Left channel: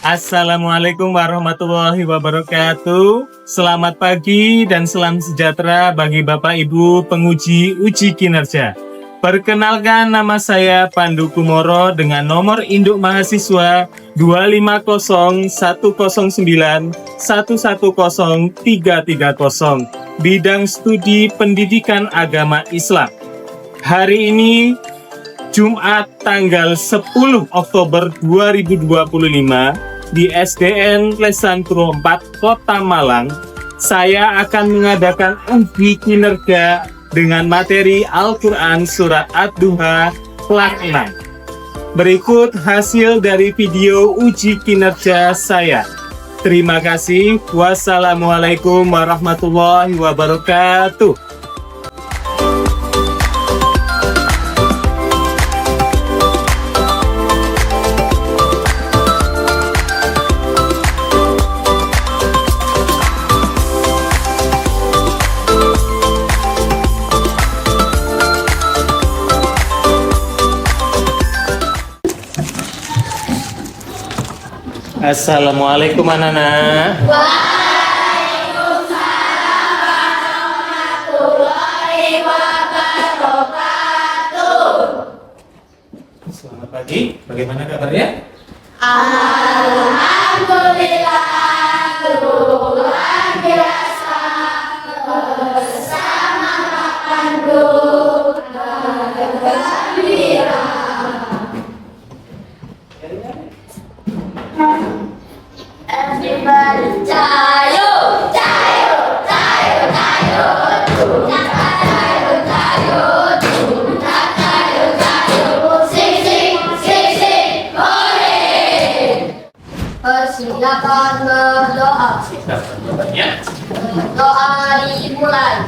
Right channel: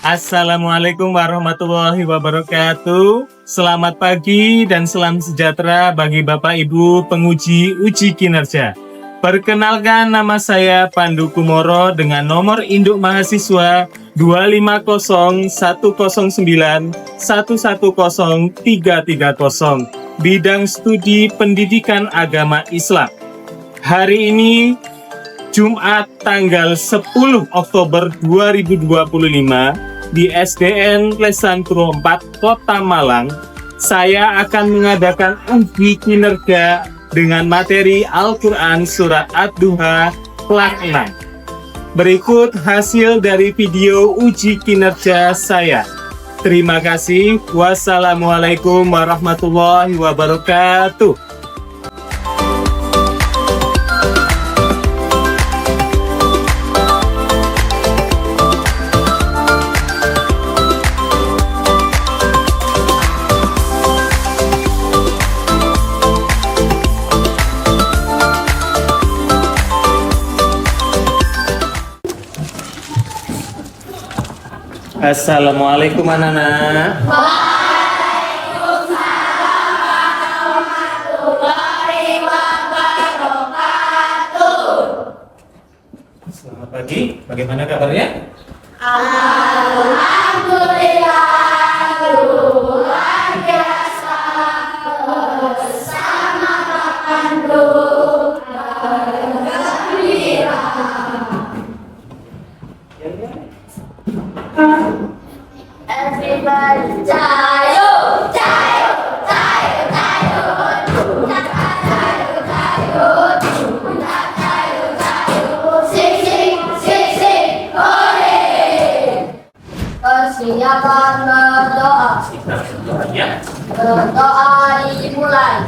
Assalamualaikum warahmatullahi wabarakatuh. Selamat pagi dan salam sejahtera bagi Bapak Ibu penguji uji kinerja. Perkenalkan, nama saya Pandu Kumoro dengan nomor induk mahasiswa 25010910330, bidang studi pendidikan agama Islam. Hari ini Jumat tanggal 10 Oktober 2025 di SDN Lesantro 4 Kota Malang, saya akan mengadakan uji kinerja dengan materi Al-Quran Surat Ad-Duha Kelas 6. Berikut hasil dari video uji kinerja saya. Terima kasih. Wassalamualaikum warahmatullahi wabarakatuh. Assalamualaikum anak-anak. Waalaikumsalam warahmatullahi wabarakatuh. Selamat pagi, bagaimana kabarnya? Alhamdulillah, luar biasa bersama Pandu bergembira. Everybody, jayo, jayo, jayo, jayo, tuna, jayo, jayo, tuna, jayo, jayo, sing, sing, sing, sing, hore. Persiapan berdoa. Berdoa dimulai.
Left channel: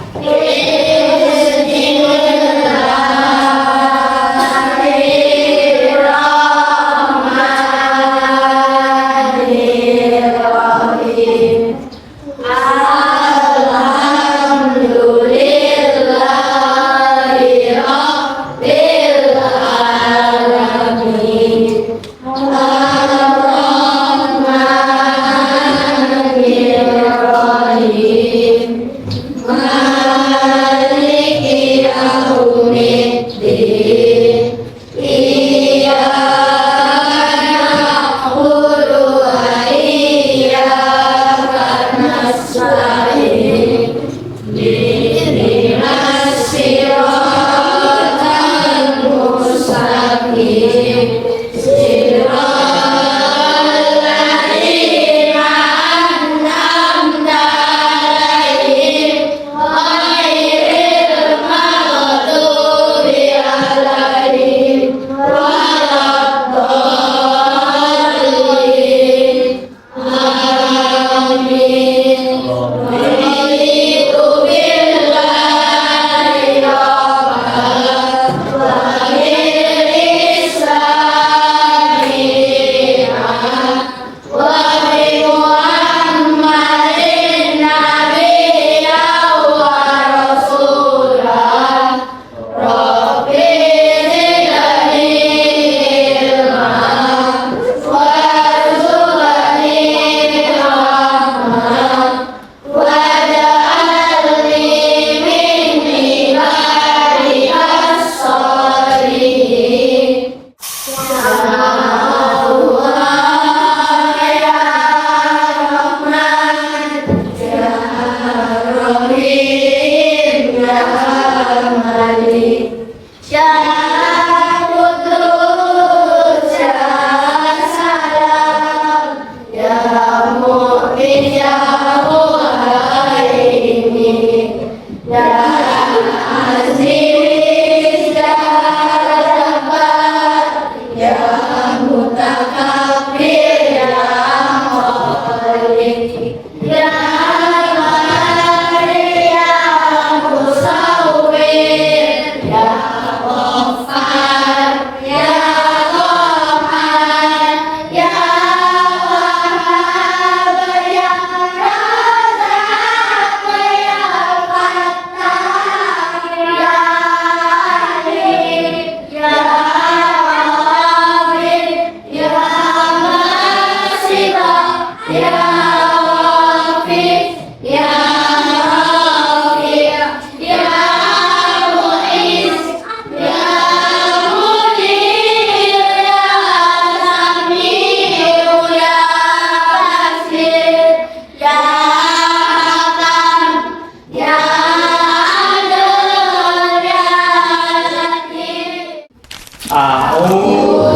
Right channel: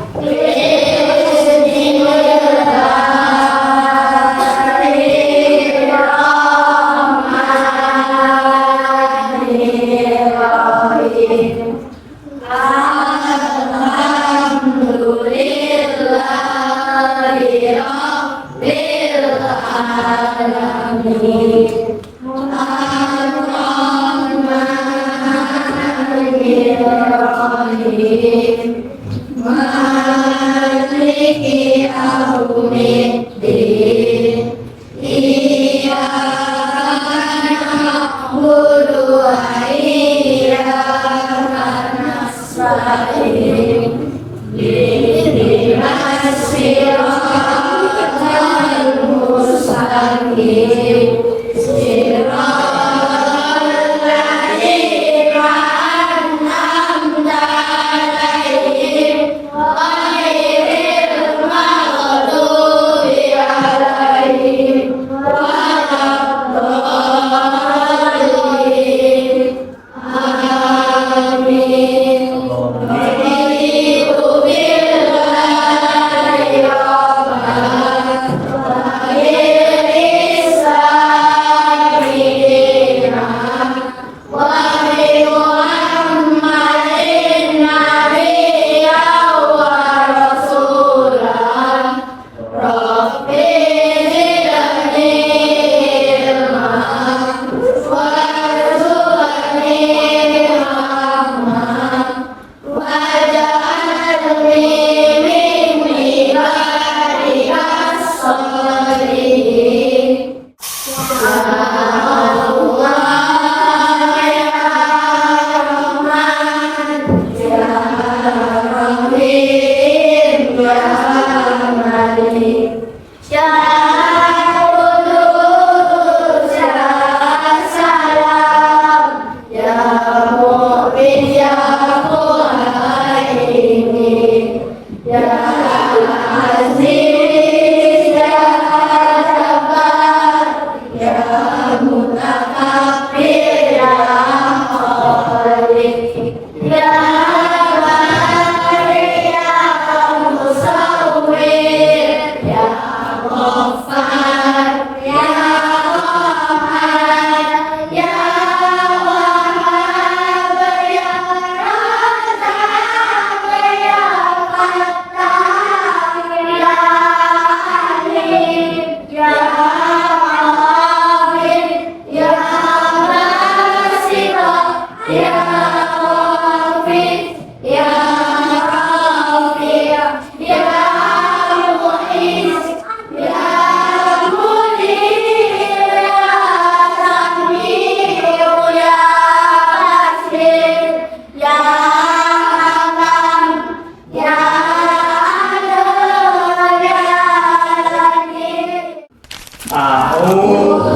A'udzu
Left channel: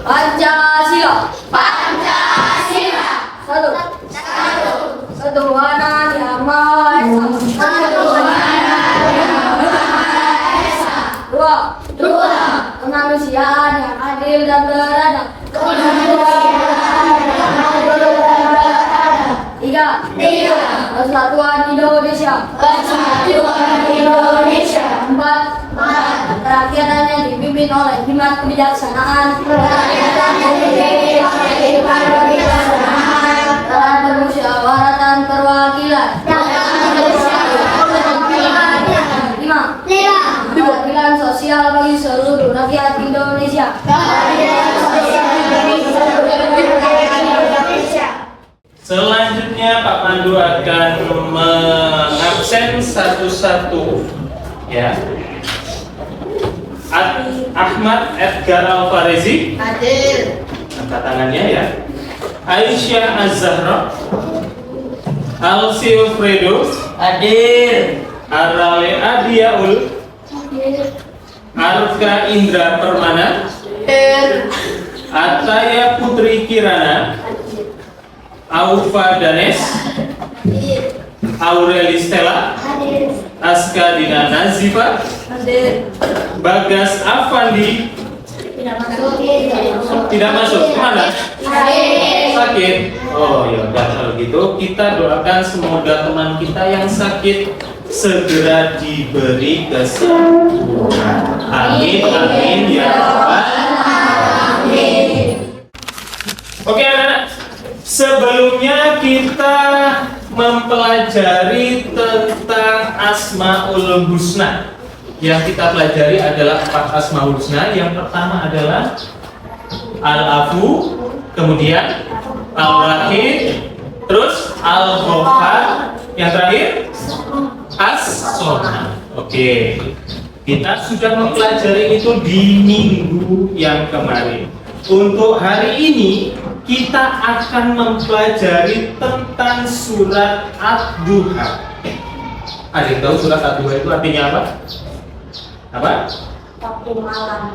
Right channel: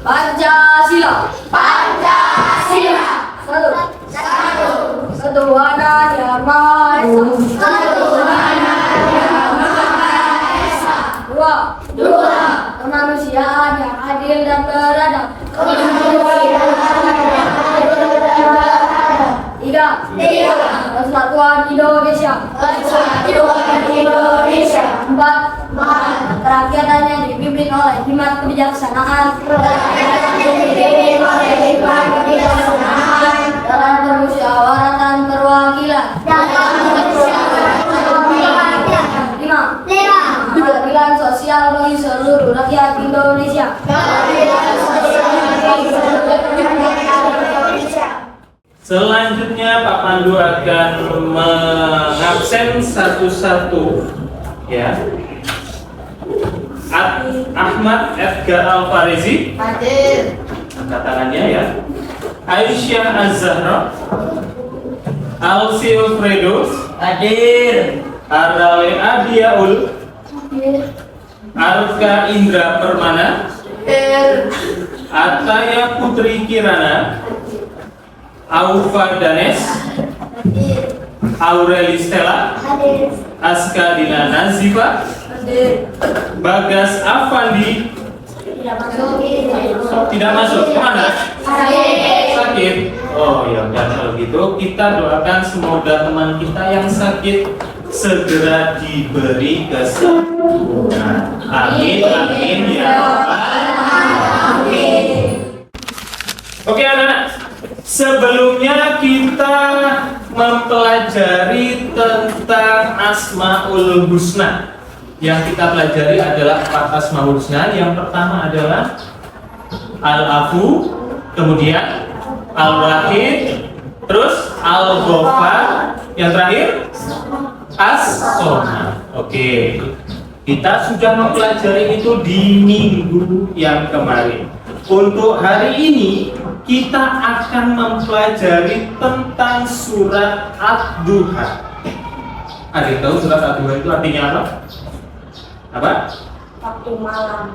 Pancasila. Pancasila. Satu. Ketuhanan yang Maha Esa. Dua. Kemanusiaan yang adil dan beradab. Tiga. Persatuan Indonesia. Empat. Kerakyatan yang dipimpin oleh hikmat kebijaksanaan dalam permusyawaratan perwakilan. Lima. Keadilan sosial bagi seluruh rakyat Indonesia. Selanjutnya Pak Pandu akan mengabsen satu-satu, ya. Ahmad Edgar Alfarezi, Hadir. angkat tangannya ya. Aisyah Az-Zahra, Alsi Fredo, Hadir. Arale Adiaul, Hadir. Arka Indra Permana, Hadir. Ataya Putri Kirana, Aufa Danes, Hadir. Aureli Stella, Hadir. Aska Dina Nazifa, Hadir. Bagas Afandi. Tidak masuk. Tidak masuk, kemana? Hadir. Sakit. Oh ya udah, kalau gitu kita doakan semoga teman kita yang sakit segera diberi kesembuhan. Amin, amin ya Rabbal alamin. Oke anak-anak, sebelumnya kita mempelajari tentang Asmaul Husna. Yang kita pelajari adalah 4 Asmaul Husna. Yang pertama adalah Al-Afu, kemudian Al-Wahid, terus Al-Ghaffar, yang terakhir As-Somad. Oke, kita sudah mempelajari itu di minggu yang kemarin. Untuk hari ini kita akan mempelajari tentang surat Ad-Duha. Ada yang tahu surat Ad-Duha itu artinya apa? Apa? Waktu malam.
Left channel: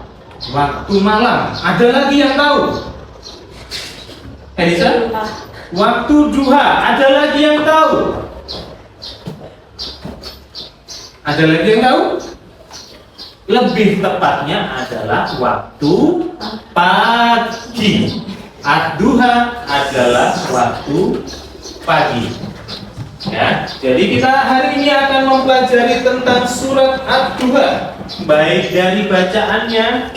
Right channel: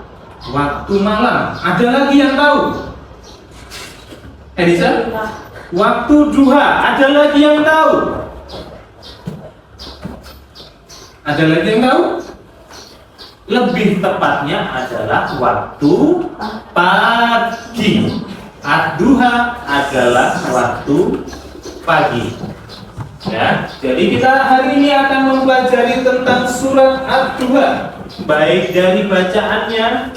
Waktu malam. Ada lagi yang tahu? Elisa? Waktu duha. Ada lagi yang tahu? Ada lagi yang tahu? Lebih tepatnya adalah waktu pagi. Ad-duha adalah waktu pagi. Ya, jadi kita hari ini akan mempelajari tentang surat Ad-Duha, baik dari bacaannya,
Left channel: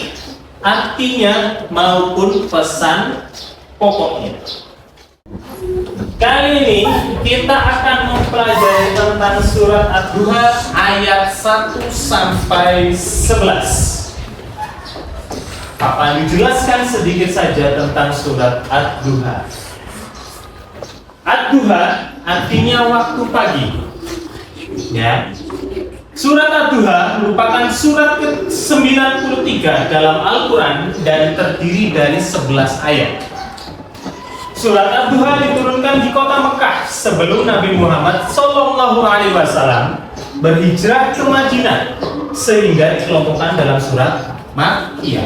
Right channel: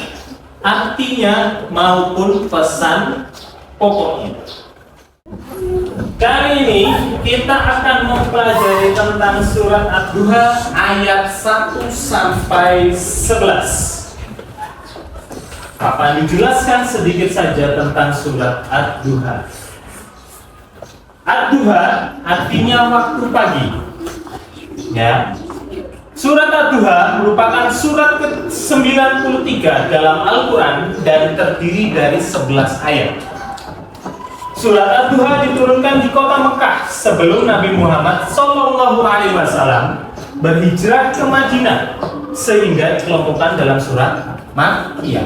artinya maupun pesan pokoknya. Kali ini kita akan mempelajari tentang surat Ad-Duha ayat 1 sampai 11. Pak Pandu jelaskan sedikit saja tentang surat Ad-Duha. Ad-Duha artinya waktu pagi. Ya. Surat Ad-Duha merupakan surat ke-93 dalam Al-Quran dan terdiri dari 11 ayat. Surat Ad-Duha diturunkan di kota Mekah sebelum Nabi Muhammad SAW berhijrah ke Madinah, sehingga dikelompokkan dalam surat Makkiyah.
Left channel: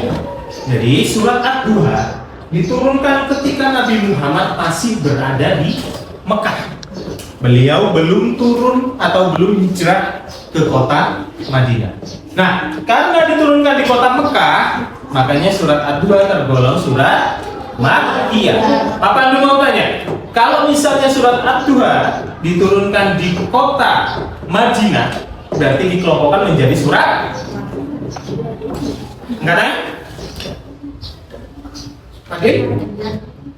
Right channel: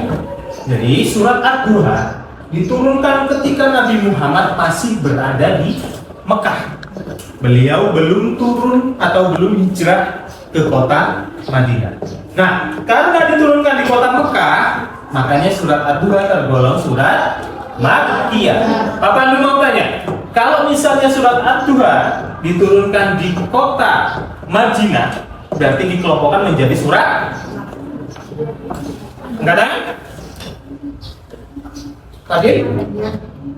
Jadi surat Ad-Duha diturunkan ketika Nabi Muhammad masih berada di Mekah. Beliau belum turun atau belum hijrah ke kota Madinah. Nah, karena diturunkan di kota Mekah, makanya surat Ad-Duha tergolong surat Makkiyah. Papa dulu mau tanya, kalau misalnya surat Ad-Duha diturunkan di kota Madinah, berarti dikelompokkan menjadi surat? Enggak ada? Tadi?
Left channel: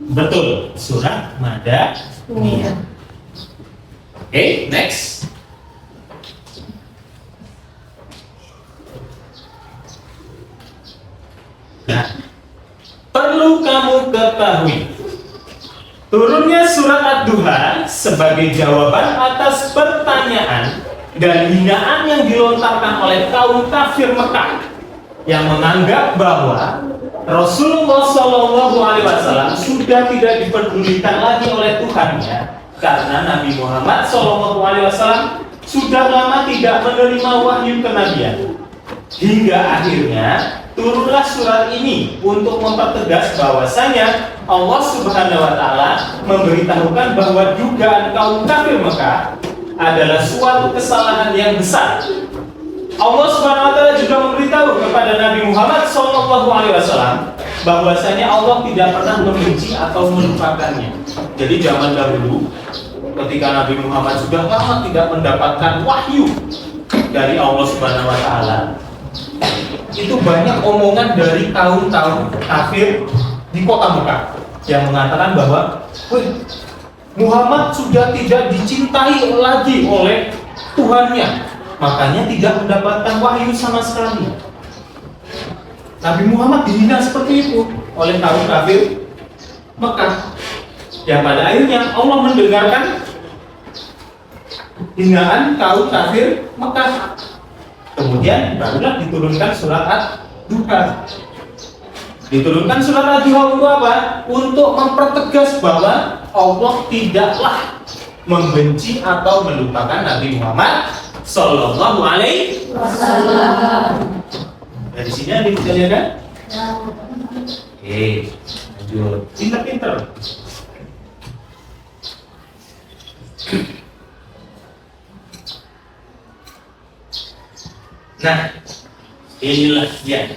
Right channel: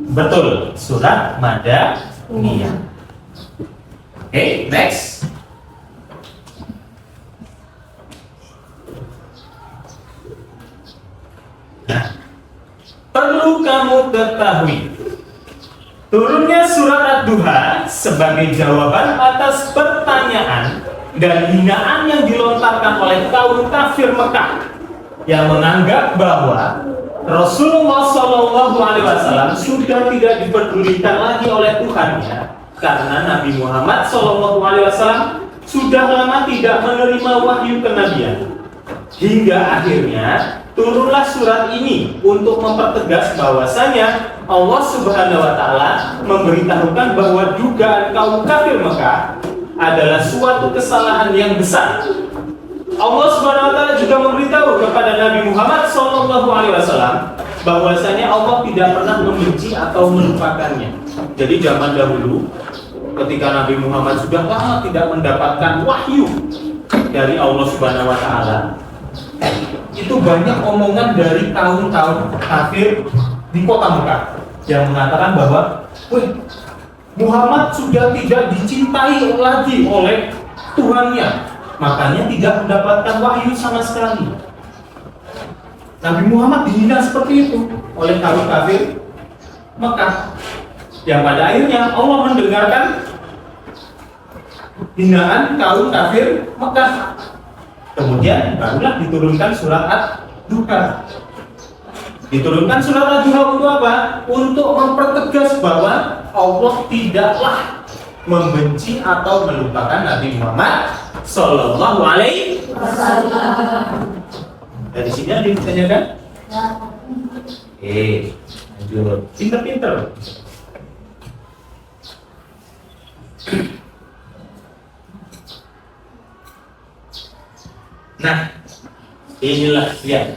Betul, surat Madaniyah. Oke, next. Nah, perlu kamu ketahui, turunnya surat Ad-Duha sebagai jawaban atas pertanyaan dan hinaan yang dilontarkan oleh kaum kafir Mekah yang menganggap bahwa Rasulullah SAW sudah tidak dipedulikan lagi oleh Tuhannya karena Nabi Muhammad SAW sudah lama tidak menerima wahyu kenabian. Hingga akhirnya turunlah surat ini untuk mempertegas bahwasanya Allah Subhanahu wa taala memberitahukan bahwa dugaan kaum kafir Mekah adalah suatu kesalahan yang besar. Allah Subhanahu wa taala juga memberitahu kepada Nabi Muhammad SAW bahwasanya Allah tidak pernah membenci atau melupakannya. Jadi zaman dahulu ketika Nabi Muhammad sudah lama tidak mendapatkan wahyu dari Allah Subhanahu wa taala, itu banyak omongan dari kaum-kaum kafir di kota Mekah yang mengatakan bahwa Muhammad sudah tidak dicintai lagi oleh Tuhannya, makanya tidak mendapatkan wahyu sama sekali. Nabi Muhammad dihina seperti itu oleh kaum kafir Mekah, yang pada akhirnya Allah mendengarkan hinaan kaum kafir Mekah. Kemudian barulah diturunkan surat Ad-Duha. Diturunkan surat Ad-Duha untuk apa? Untuk mempertegas bahwa Allah tidaklah membenci atau melupakan Nabi Muhammad Sallallahu Alaihi Wasallam. Dari sini ada yang ditanyakan? Lanjut. Pinter-pinter. Nah, inilah ya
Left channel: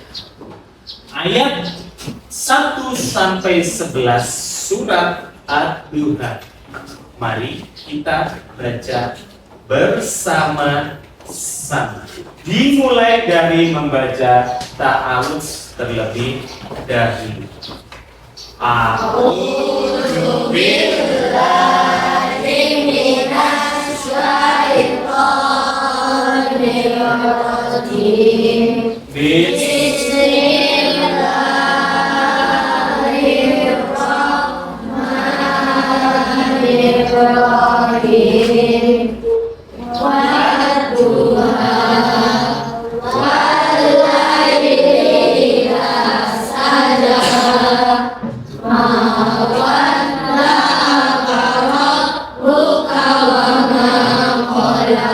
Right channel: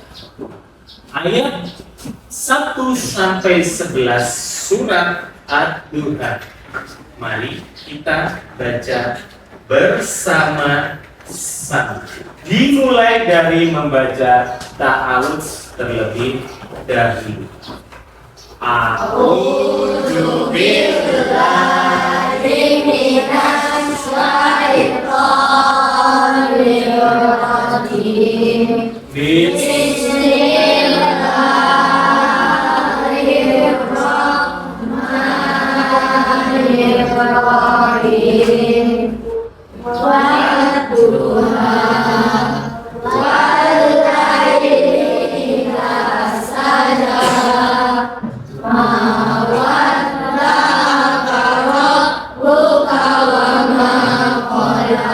ayat 1 sampai 11 surat Ad-Duha. Mari kita baca bersama-sama. Dimulai dari membaca ta'awudz terlebih dahulu. A'udzu billahi minasy syaithanir rajim. Bismillahirrahmanirrahim. Wadduha wal-laili idza saja ma wadda'aka rabbuka wa ma qala.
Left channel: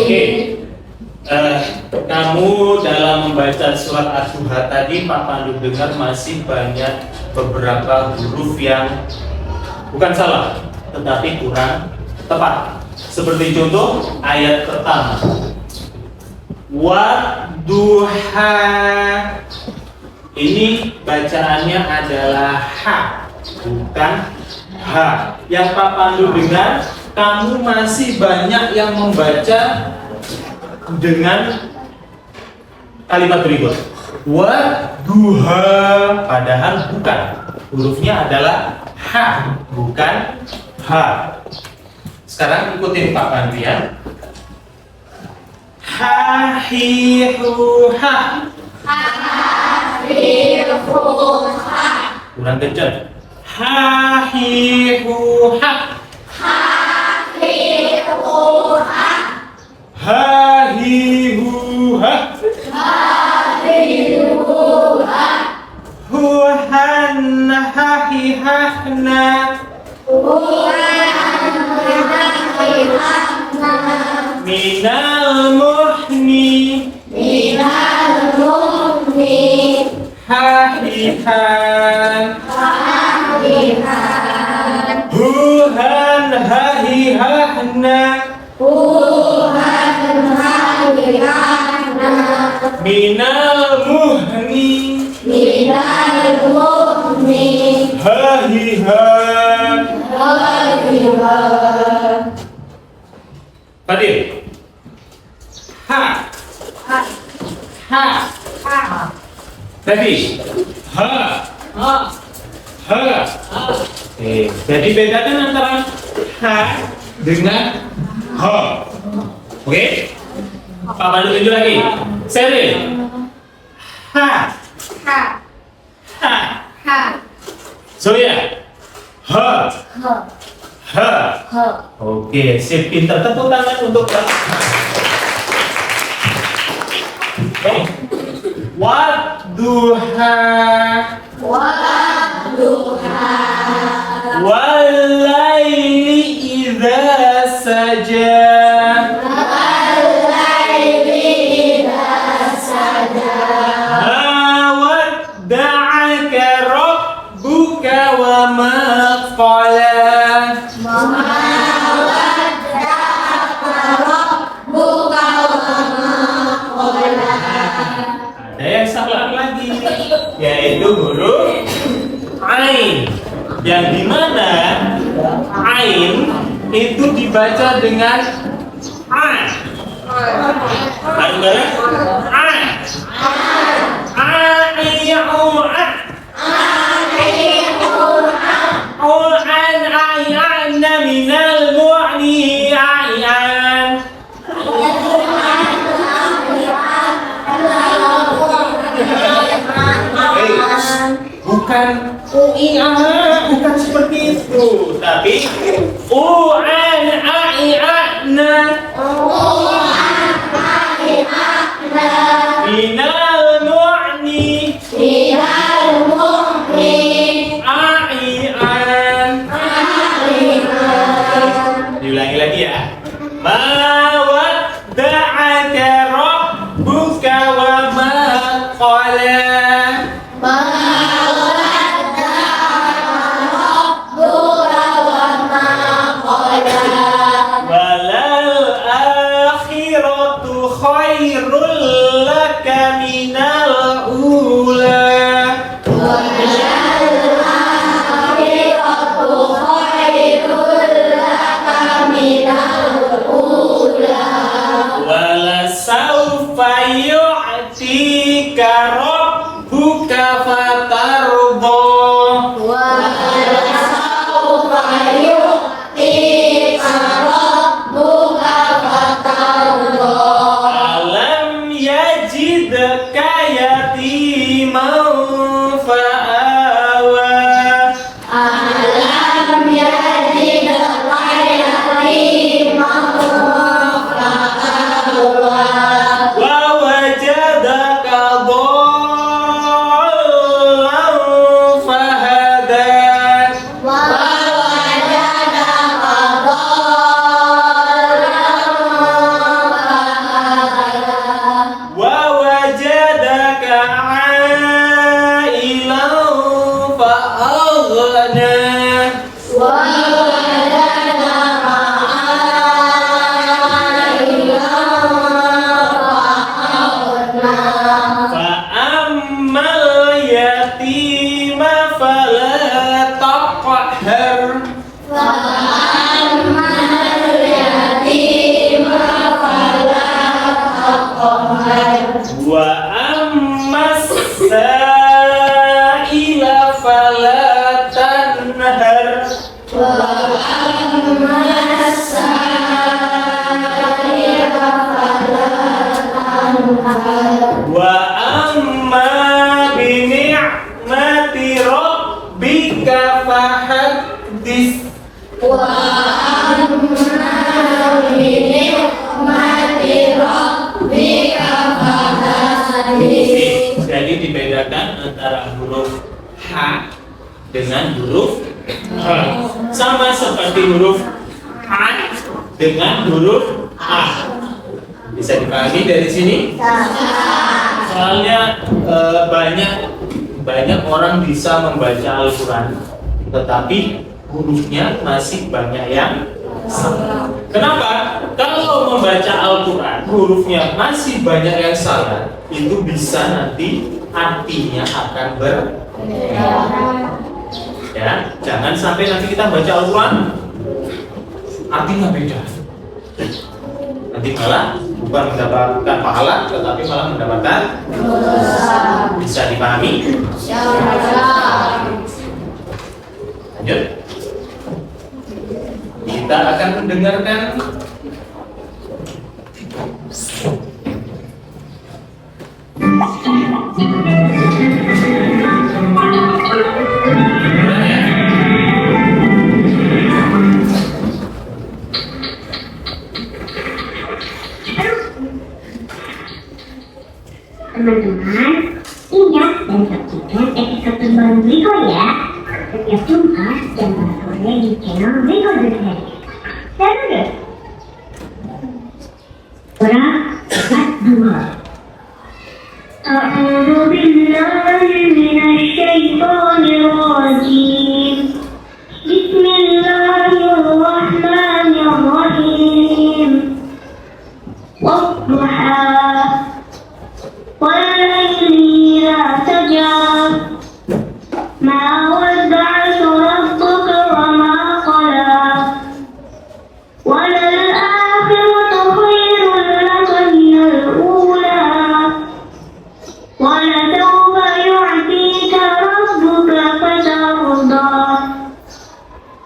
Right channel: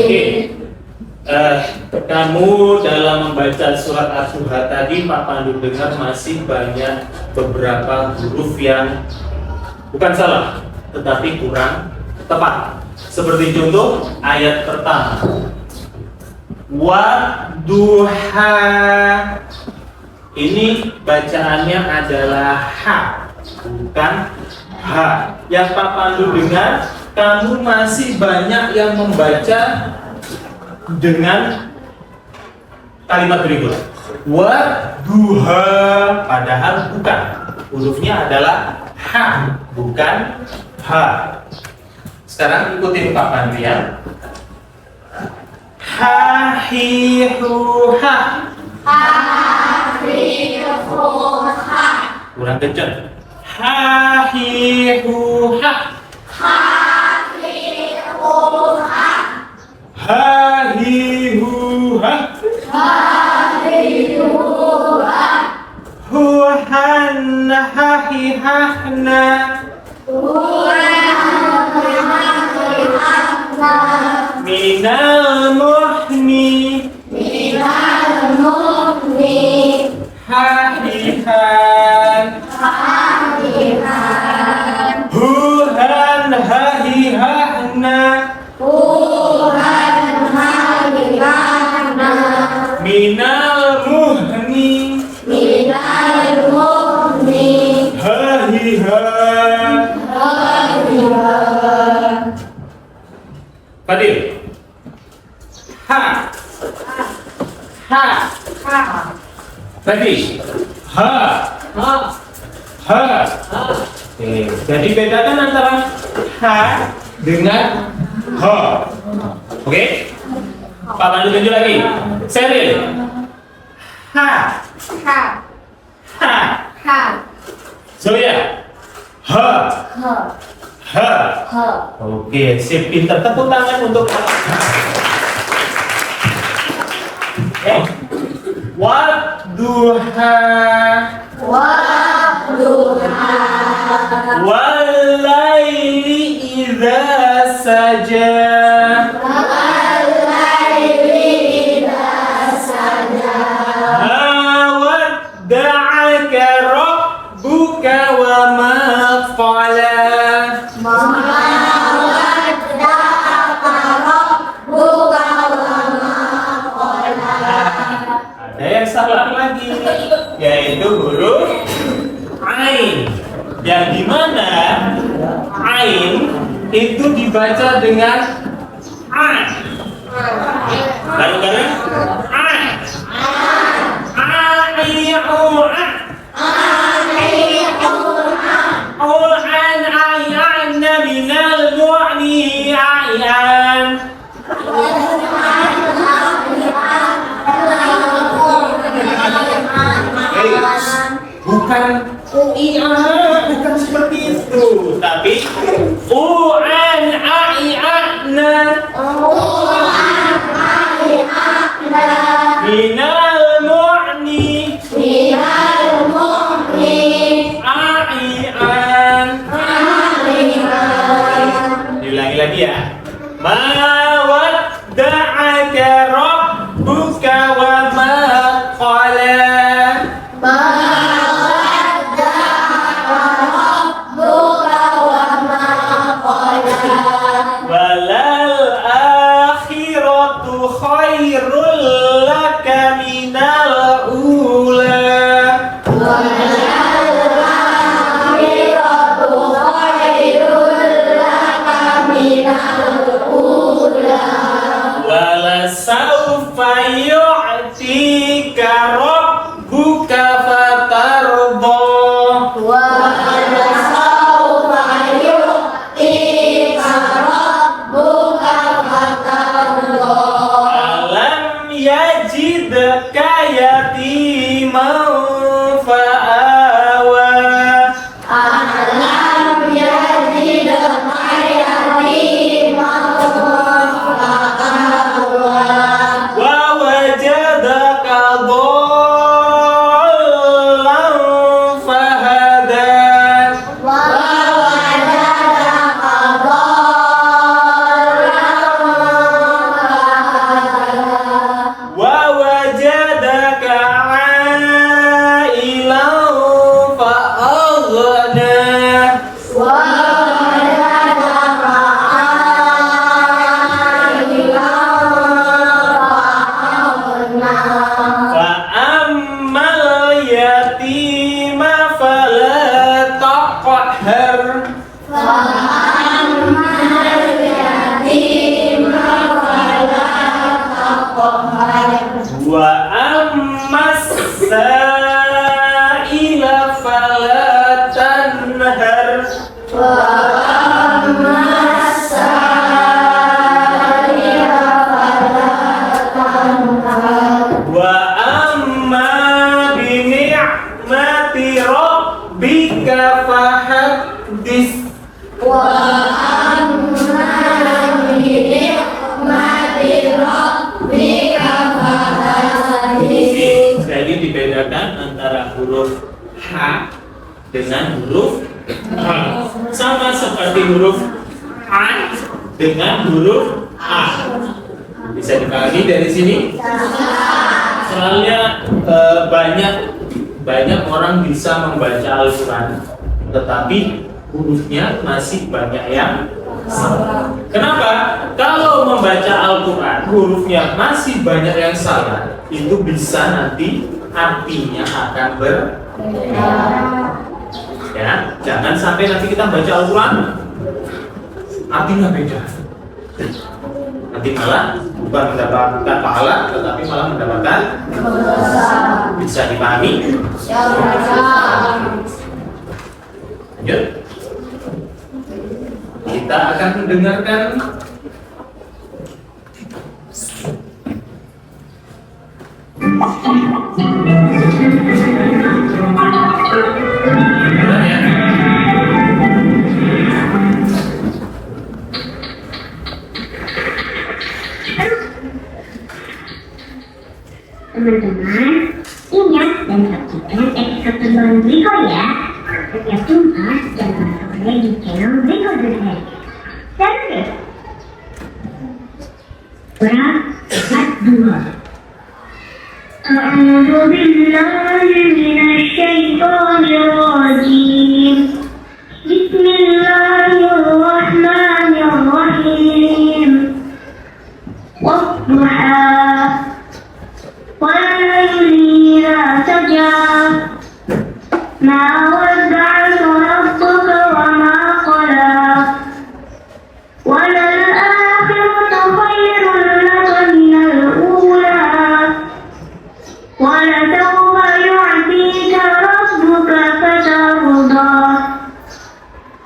Oke, kamu dalam membaca surat Ad-Duha tadi, Pak Pandu dengar masih banyak beberapa huruf yang bukan salah, tetapi kurang tepat. Seperti contoh ayat pertama, Wadduha. Ini bacaannya adalah ha, bukan ha. Yang Pak Pandu dengar, kamu masih banyak yang membaca dengan kalimat berikut, Wadduha, padahal bukan. Hurufnya adalah ha, bukan ha. Sekarang ikutin Pak Pandu ya. Ha, hi, hu, ha. Kurang kencang. Ha, hi, hu, ha. Ha, hi, hu, ha. Hu, han, ha, hi, ha, na. Minal muhni. Hahihan. Huhan, hahihahna. Minal muhni. Hahihan. Fadil. Ha. Ha. Tadi. Ha. Ha. Oke, jadi bedakan antara ha dengan ha. Oke? Pak Pandu tunjuk lagi. Seril. Ha. Ha. Zoya. Ha. Ha. Oke, sip, pinter. Tepuk tangan untuk Pak. Oke. Wadduha. Walaili idza saja. Ma wadda'aka rabbuka wa ma qala. Ada yang salah lagi, yaitu huruf ain, yang dimana ain itu dibaca dengan a. Bareng-bareng a. An ayana minal mu'ni ayan. Bukan uia, bukan seperti itu, tapi uan ai'ana minal mu'ni ai'an. Diulangi lagi ya. Ma wadda'aka rabbuka wa ma qala. Balal akhiratu khairul laka minal ula. faqhar. Wa ammas sa'ila fala tanhar. Wa amma bi ni'mati rabbika fahaddits. Jadi dibedakan antara huruf H dengan huruf H. Sama seperti huruf A dengan huruf A. Bisa dipahami dari sini? Soalnya banyak orang bisa membaca Al-Quran, tetapi hurufnya masih banyak yang salah. Kenapa? Kalau membaca Al-Quran hurufnya masih banyak yang salah, itu bisa nanti artinya akan berbeda. Ya, jangan sampai nanti kita baca Al-Quran artinya beda. Nanti malah bukan mendapatkan pahala, tetapi malah mendapatkan dosa. Bisa dipahami? Lanjut. Kita akan mendengarkan teman-teman, ingat dan saksikan episode terbaru Wiko ya. Setiap Jumat jam 4 sore di channel Wiko Zahir. Seru deh. Surah Ad-Duha. A'udzu billahi minasyaitonir rajim. Bismillahirrahmanirrahim. Wadduha. وَاللَّيْلِ إِذَا سَجَى مَا وَدَّعَكَ رَبُّكَ وَمَا قَلَى وَلَلْآخِرَةُ خَيْرٌ لَكَ مِنَ الْأُولَى وَلَسَوْفَ يُعْطِيكَ رَبُّكَ فَتَرْضَى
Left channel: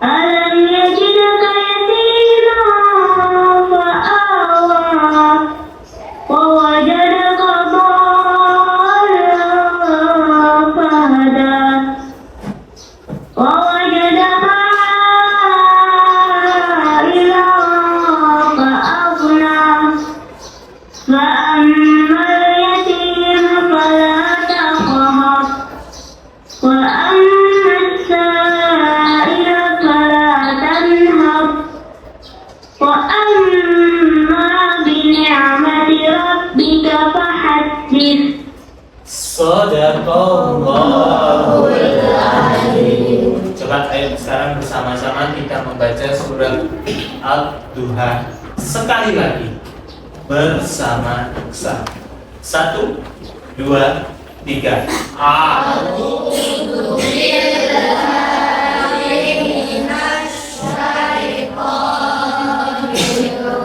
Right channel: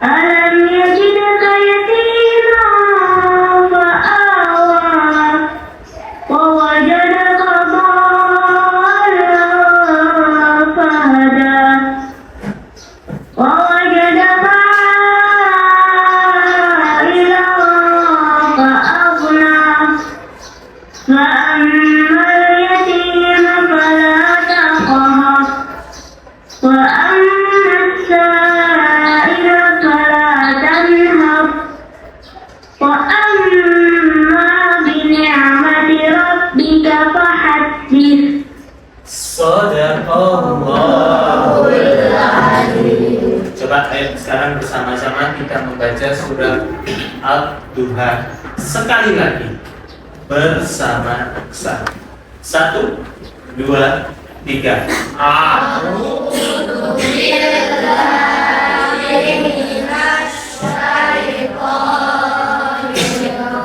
أَلَمْ يَجِدْكَ يَتِيمًا فَآوَى وَوَجَدَكَ ووجدك عائلا فأغنى فأما اليتيم فلا تقهر وأما السائل فلا تنهر وأما بنعمة ربك فحدث. Shadaqallahul Adzim. Coba ayo sekarang bersama-sama kita membaca surat Ad-Duha sekali lagi bersama-sama. 1, 2, 3. A'udzu billahi minasy syaithanir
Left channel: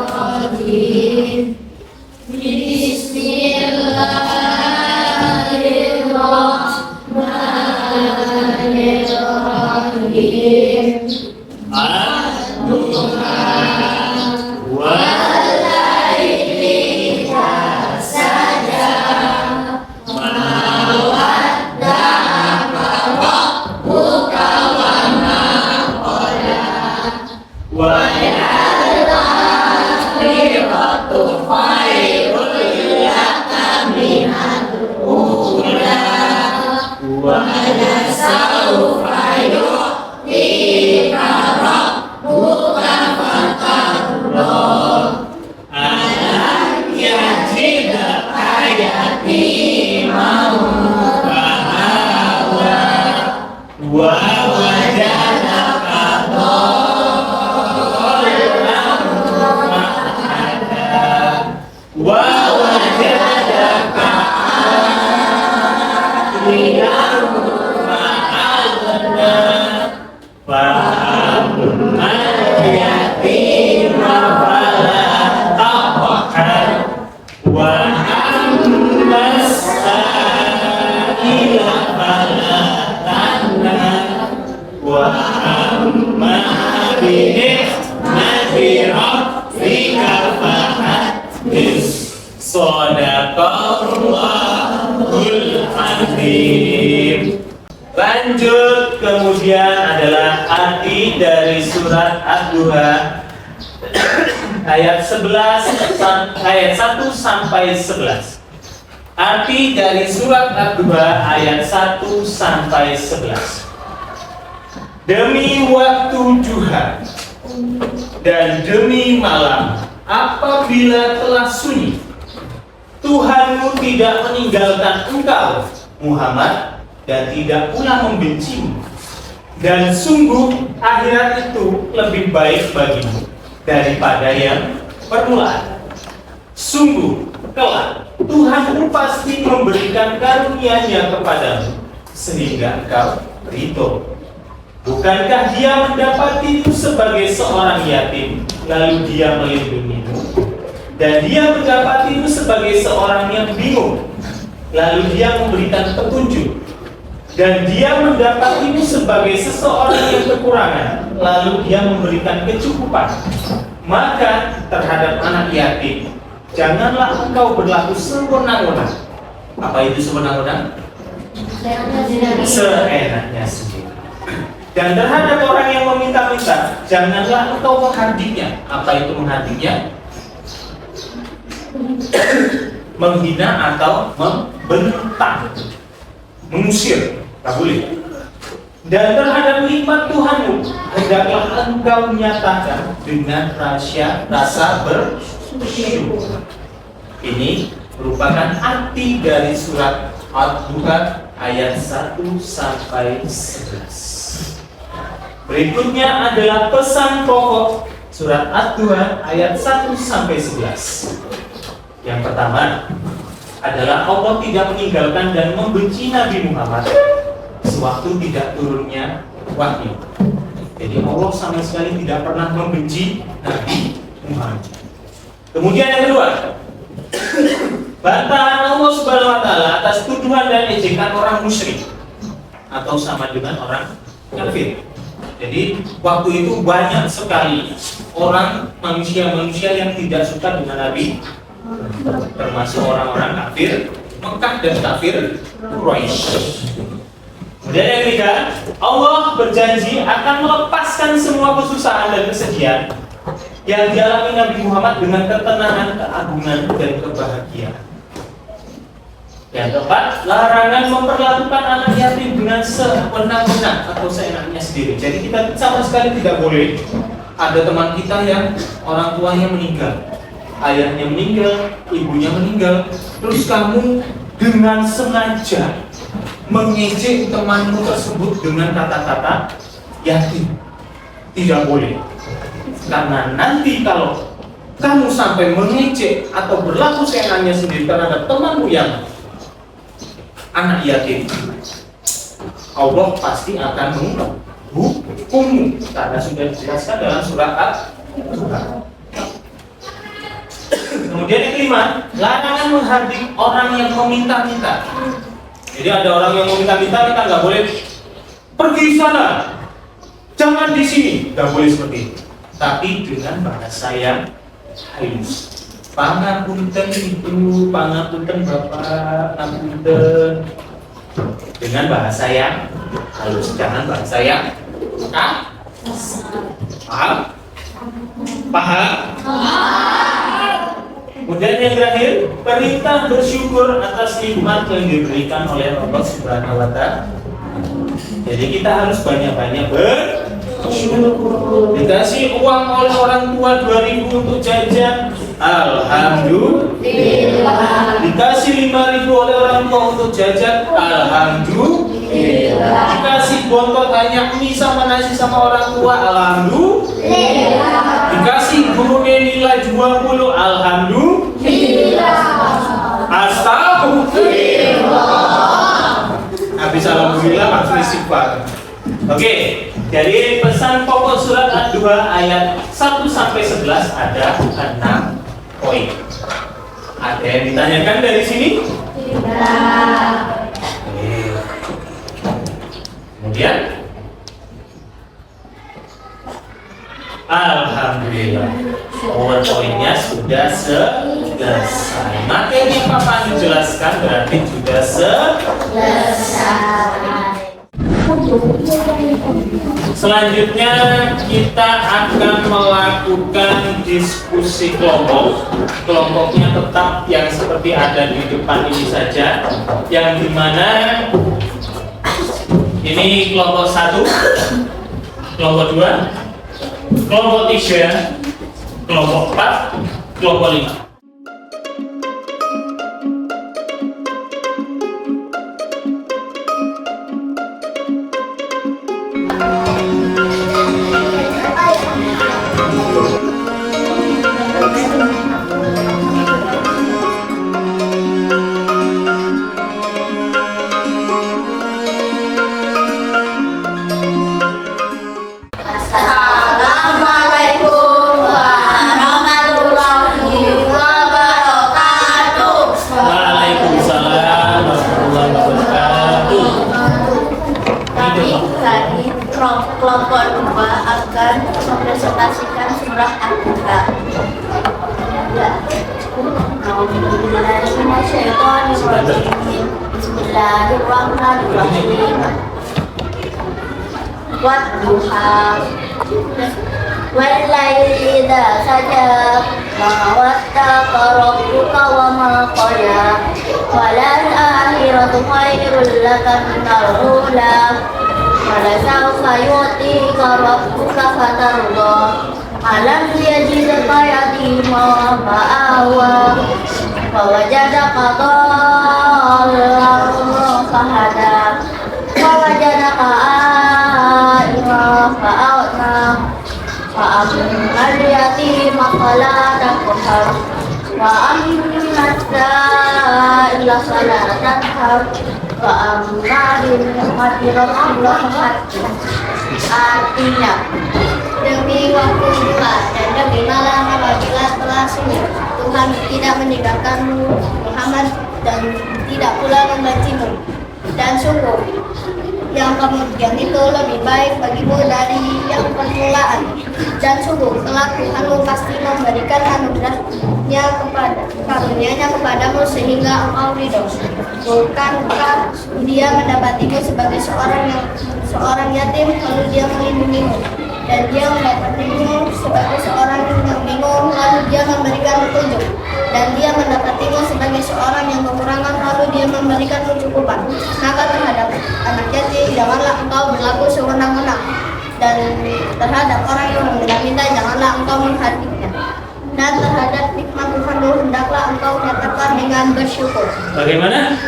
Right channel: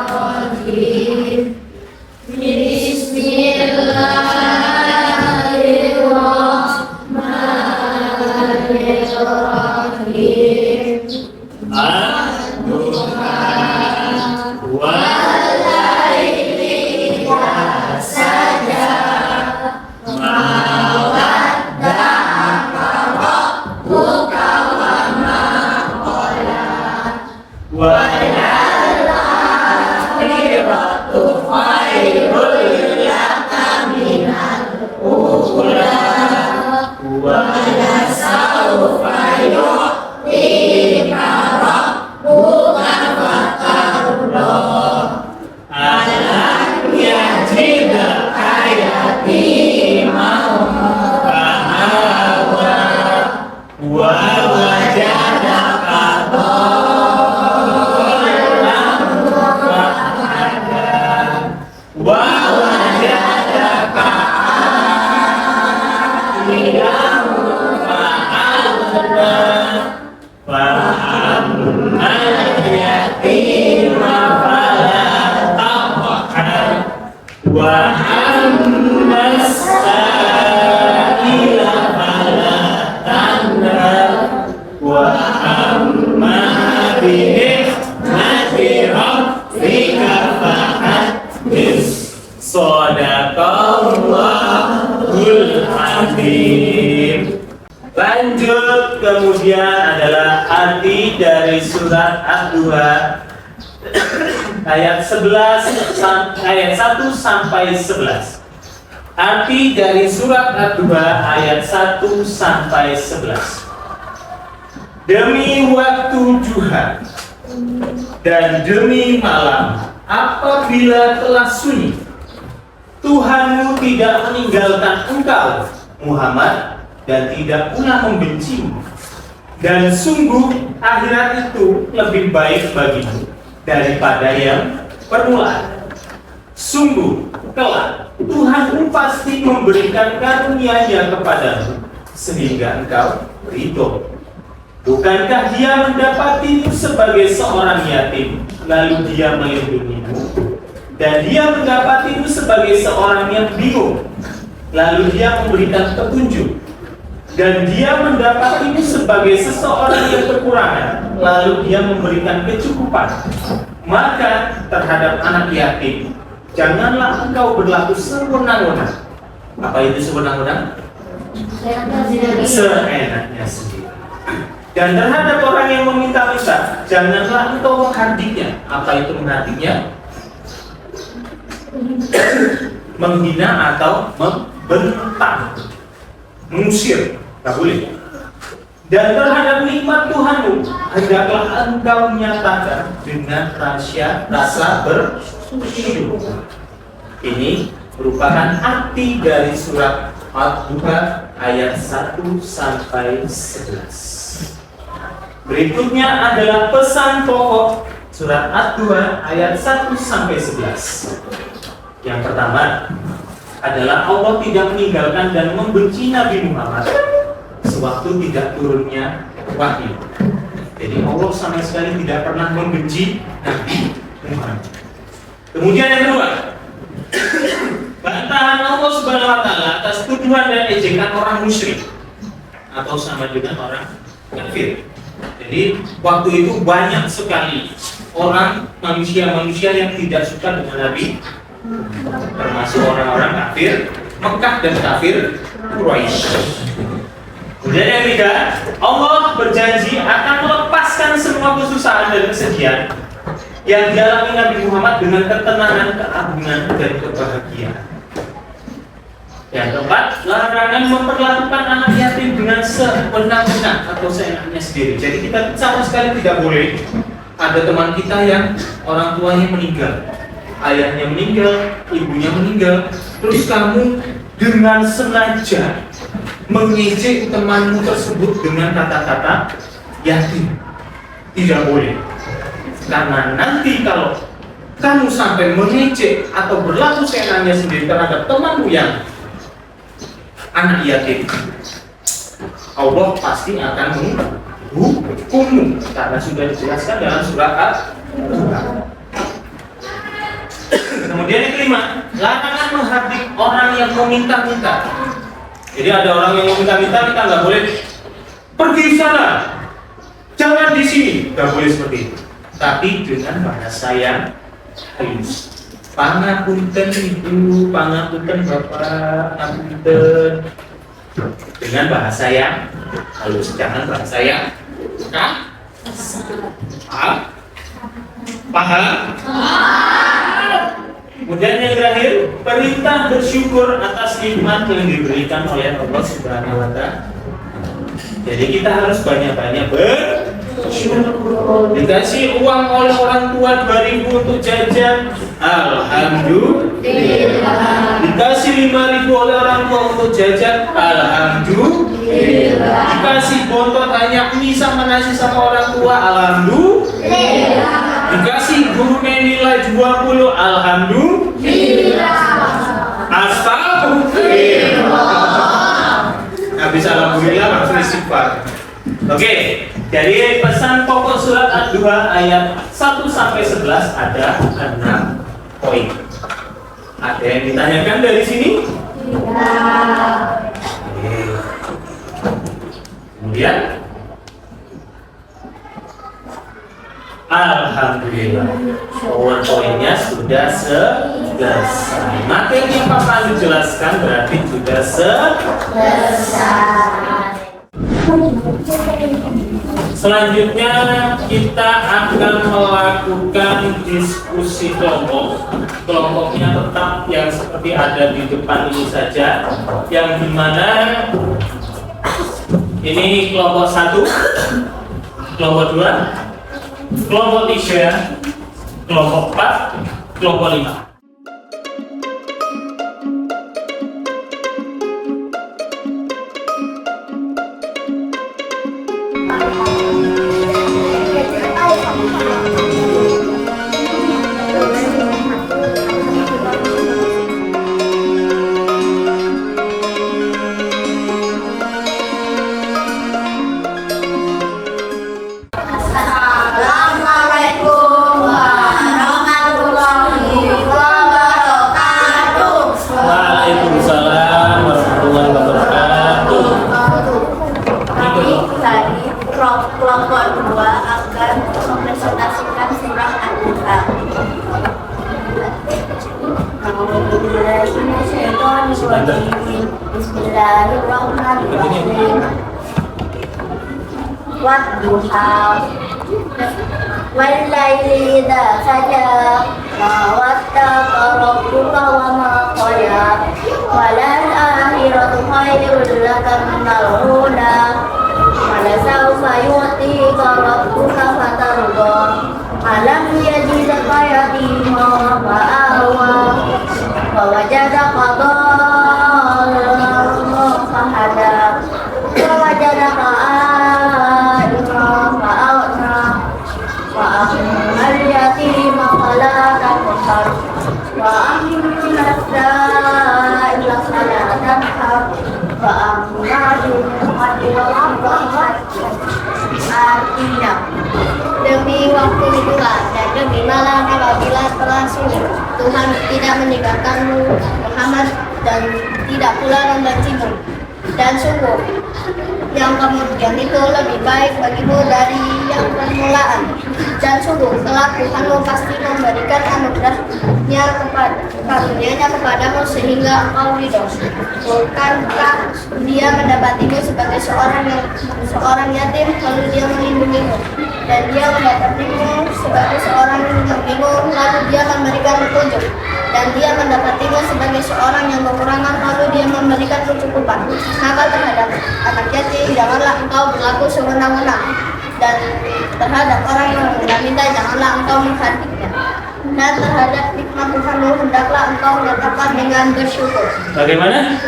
rajim. Bismillahirrahmanirrahim. Ad-Duha wal-laili idza saja ma wadda'aka rabbuka wa ma qala wal-akhiratu khairul laka minal ula wa lasawfa yu'tika rabbuka amma yatima fala taqhar wa amma sa'ila fala tanhar wa amma bi'ni'mati rabbika fahaddits. Shadaqallahul Azim. Lanjut, kemudian adalah arti dari surat Ad-Duha ayat 1 sampai 11. Arti dari surat Ad-Duha ayat 1 sampai 11. Demi waktu duha dan demi malam apabila telah sunyi, Tuhanmu tidak meninggalkan engkau Muhammad dan tidak pula membencimu. Dan sungguh akhirat itu lebih baik bagimu daripada yang permulaan. Sungguh kelak Tuhanmu pasti memberikan karunia-Nya kepadamu sehingga engkau ridho. Bukankah Dia mendapatimu sebagai seorang yatim, lalu Dia melindungimu? Dan Dia mendapatimu sebagai seorang yang bingung, lalu Dia memberikan petunjuk. Dan Dia mendapatimu sebagai seseorang yang kekurangan, lalu Dia memberikan kecukupan. Maka terhadap anak yatim, janganlah engkau berlaku sewenang-wenang. Apa itu sewenang-wenang? Seenaknya sendiri. Dan terhadap orang yang meminta-minta, janganlah engkau menghardiknya. Apa itu menghardiknya? Menghina atau membentak, mengusir, tak boleh. Dan terhadap nikmat Tuhanmu, hendaklah engkau nyatakan dengan rasa bersyukur. Ini merupakan arti dari surat Ad-Duha ayat 1 sampai 11. Berikutnya adalah pesan pokok surat Ad-Duha ayat 1 sampai 11. Yang pertama adalah Allah tidak meninggalkan dan membenci Nabi Muhammad sewaktu tidak turunnya wahyu. Jadi Allah sama sekali tidak pernah membenci Nabi Muhammad. Kemudian yang kedua, bantahan Allah Subhanahu wa taala atas tuduhan dan ejekan orang musyrik atau sama dengan orang kafir. Jadi waktu itu banyak sekali orang manusia-manusia yang tidak suka dengan Nabi, termasuk orang-orang kafir Mekah dan kafir Quraisy. Kemudian yang ketiga, Allah berjanji akan melepaskan semua kesusahan dan kesedihan yang dialami Nabi Muhammad dengan ketenangan, keagungan, dan kebahagiaan. Yang keempat, larangan memperlakukan anak yatim dengan sewenang-wenang atau seenaknya sendiri. Jadi kita sama sekali tidak boleh ada teman kita yang orang tuanya meninggal, ayahnya meninggal, ibunya meninggal, terus kamu dengan sengaja mengejek temanmu tersebut dengan kata-kata yatim. Tidak boleh. Karena nanti kalau kamu sampai mengejek atau berlaku seenaknya sendiri terhadap temanmu yang anak yatim, Allah pasti akan menghukummu karena sudah dijelaskan dalam surat Al-Duha. Kemudian yang kelima, larangan menghardik orang yang meminta-minta. Jadi ada orang yang meminta-minta, kita nggak boleh pergi sana, jangan di sini, nggak boleh seperti itu. Tapi dengan bahasa yang halus. Pangapunten ibu, pangapunten bapak, pangapunten. Dengan bahasa yang halus, jangan bahasa yang paham? Paham? Kemudian yang terakhir, perintah bersyukur atas nikmat yang diberikan oleh Allah Subhanahu wa taala. Jadi kita harus banyak-banyak bersyukur. Dikasih uang oleh orang tua 2.000 untuk jajan, alhamdulillah. Dikasih 5.000 oleh orang tua untuk jajan, alhamdulillah. Dikasih bontot hanya mie sama nasi sama orang tua, alhamdulillah. Dikasih gurunya nilai 20, alhamdulillah. Astagfirullah. Habis alhamdulillah langsung istighfar. Oke, jadi pesan pokok surat Ad-2 ayat 1 sampai 11 ada 6 poin. Ada yang ditanyakan dari sini? Tidak. Oke. Kemudian alhamdulillah, poin-poinnya sudah selesai. Materi yang Pak Pandu jelaskan berarti sudah Selesai. Selanjutnya kita akan melakukan diskusi kelompok. Kelompoknya tetap yang seperti ada di depan ini saja, yang dimana ini kelompok 1, kelompok 2, kelompok 3, kelompok 4, kelompok 5. Assalamualaikum warahmatullahi wabarakatuh. Waalaikumsalam warahmatullahi wabarakatuh. Kami dari kelompok 2 akan mempresentasikan surah Al-Kahf. Bismillahirrahmanirrahim. Wadduha wallaili idza saja ma wattaqa rabbuka wa ma qala walal akhiratu khairul laka minal ula wala sawfa yu'tika rabbuka fatarda alam yajidka yatima fa'awa wa wajadaka dhallan fahada wa wajadaka a'ilan fa'awna wa ammal yatima fala taqhar wa ammas sa'ila fala tanhar wa amma bi ni'mati rabbika fahaddith. Artinya, demi waktu bulan dan demi malam apabila telah sunyi, Tuhan tidak meninggalkanmu Muhammad dan tidak pula membencimu. Dan sungguh yang kemudian itu lebih baik bagimu dari yang permulaan. Dan sungguh kelak Tuhanmu pasti memberikan anugerahnya karunia-Nya kepadamu sehingga engkau ridho. Bukankah Dia mendapatimu sebagai seorang yatim lalu Dia melindungimu, dan Dia mendapatimu sebagai seorang yang bingung lalu Dia memberikan petunjuk, dan Dia mendapatimu sebagai seorang yang kekurangan lalu Dia memberikan kecukupan. Maka terhadap anak yatim janganlah engkau berlaku sewenang-wenang, dan terhadap orang yang meminta janganlah engkau menghadiknya. Dan terhadap nikmat Tuhanmu hendaklah engkau nyatakan dengan bersyukur. Bagaimana?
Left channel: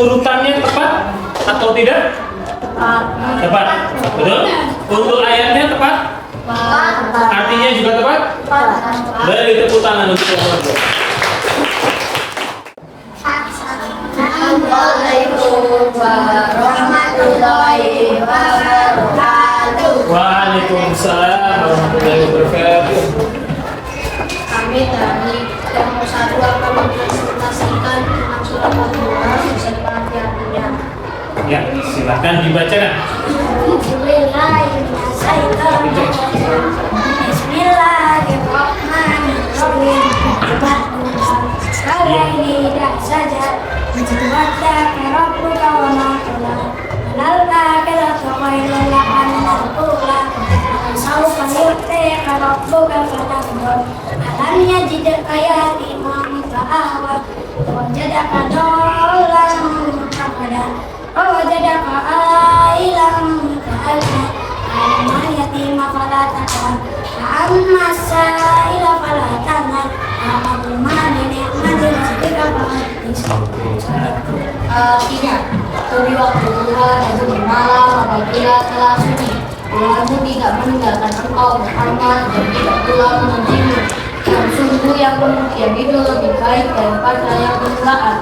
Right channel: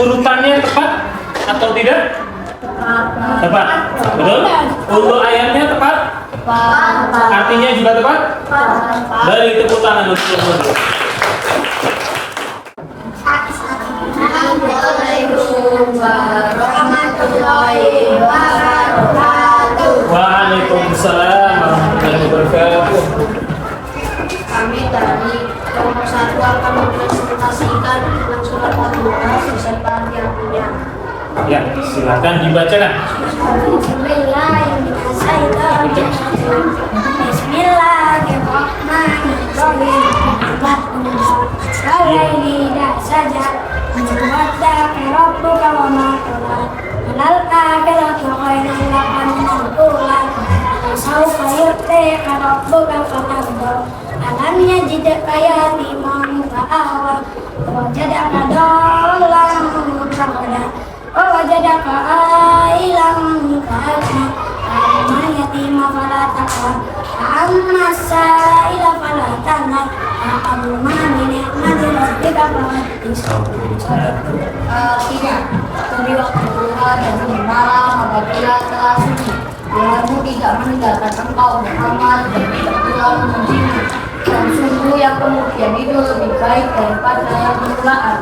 Urutannya tepat atau tidak? Tepat. Betul? Untuk ayatnya tepat? Artinya juga tepat? Beri tepuk tangan untuk Assalamualaikum warahmatullahi wabarakatuh. Waalaikumsalam warahmatullahi wabarakatuh. Kami dari kelompok 1 akan mempresentasikan tentang surah Al-Kahf beserta artinya. Ya, silakan dibacakan. Walaili idza saja wadda rabbuka wa ma qala wal akhiratu khairul laka minal ula sawfa yu'tika rabbuka fatarda alam yajidka yatiman fa'awa wajadaka dhallan fahada wa wajadaka ailan fa'agna amma yatima fala taqhar amma sa'ila fala tanhar Tiga, demi waktu bulan dan demi malam apabila telah sunyi, Tuhanmu tidak meninggalkan engkau Muhammad dan tidak pula membencimu. Dan sungguh yang kemudian itu lebih baik daripada yang permulaan.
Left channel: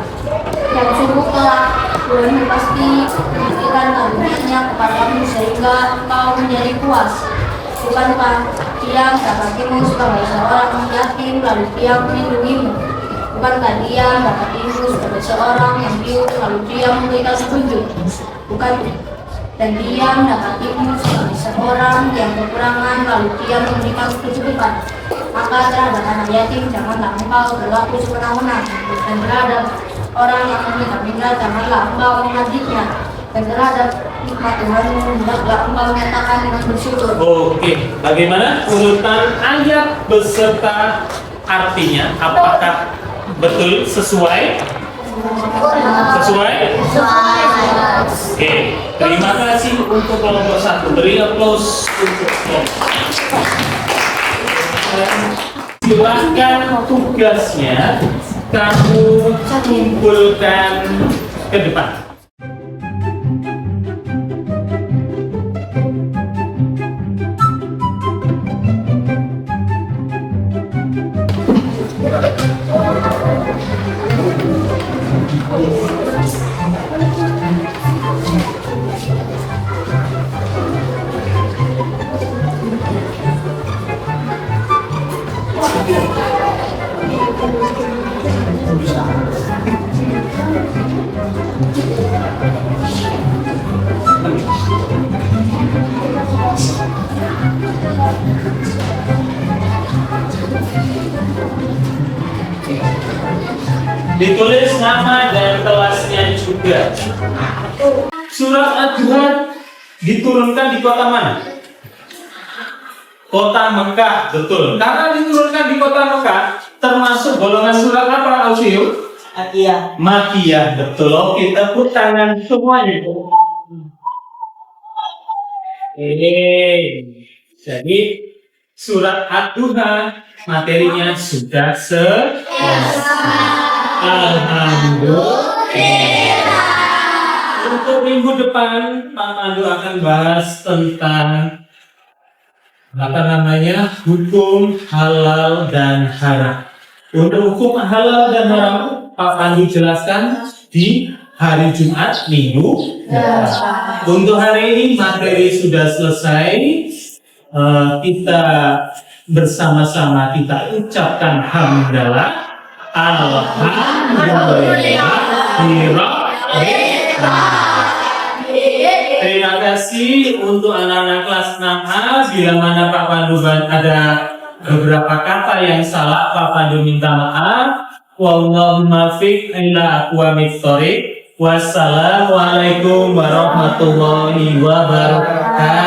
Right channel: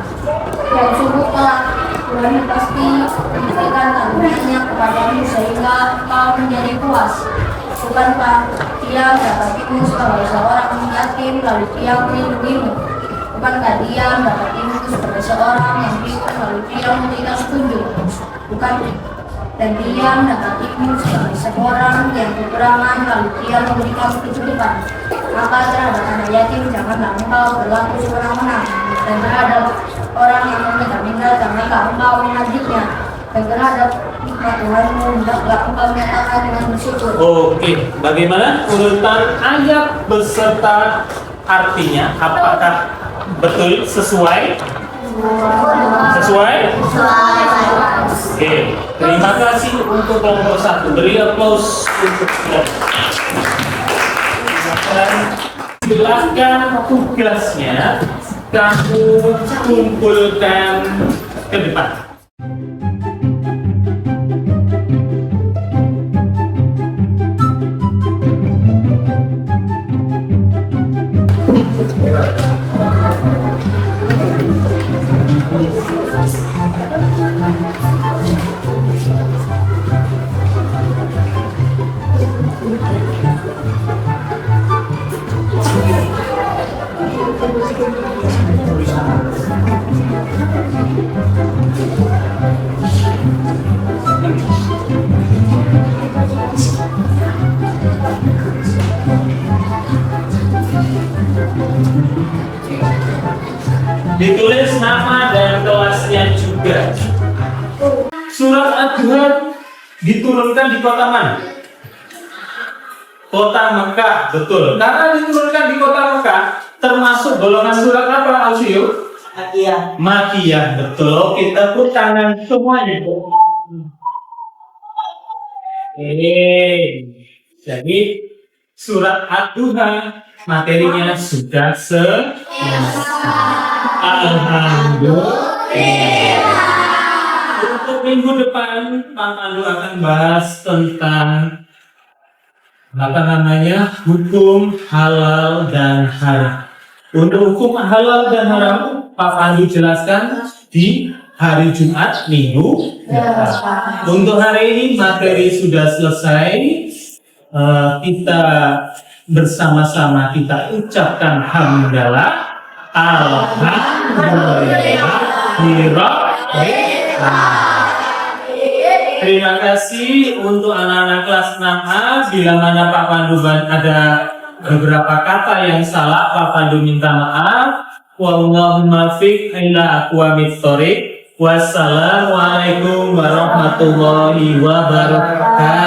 Dan sungguh kelak Tuhanmu pasti memberikan memberikan karunia-Nya kepadamu sehingga engkau menjadi puas. Bukankah Dia mendapatimu sebagai seorang yatim lalu Dia melindungimu? Bukankah Dia mendapatimu sebagai seorang yang piur lalu Dia memberikan petunjuk? Bukan, dan Dia mendapatimu sebagai seorang yang kekurangan lalu Dia memberikan kecukupan. Maka terhadap anak yatim janganlah engkau berlaku sewenang-wenang, dan terhadap orang yang meminta-minta janganlah engkau mengajiknya, dan terhadap nikmat Tuhanmu hendaklah engkau menyatakan dengan bersyukur. Oke, bagaimana urutan ayat beserta artinya? Apakah betul sesuai? Sesuai? Oke, terima kasih untuk kelompok 1. Beri applause untuk dia. Silakan tugasnya kamu kumpulkan ke depan. Ditulis nama dan kelasnya juga. Surat Ad-Duha diturunkan di kota mana? Kota Mekah, betul. Karena diturunkan di kota Mekah, termasuk golongan surat apa, Ausio? Makiyah, betul. Oke, tepuk tangan semuanya. Jadi surat Ad-Duha materinya sudah selesai. Alhamdulillah. Untuk minggu depan Pak Pandu akan bahas tentang hukum halal dan haram. Untuk hukum halal dan haram Pak Pandu jelaskan di hari Jumat minggu depan. Untuk hari ini materi sudah selesai. Kita bersama-sama kita ucapkan hamdalah. Alhamdulillah. Terima kasih untuk anak-anak kelas 6A. Bila mana Pak Pandu ada beberapa kata yang salah, Pak Pandu minta maaf. Wallahu muwaffiq ila aqwamit thoriq. Wassalamualaikum warahmatullahi wabarakatuh.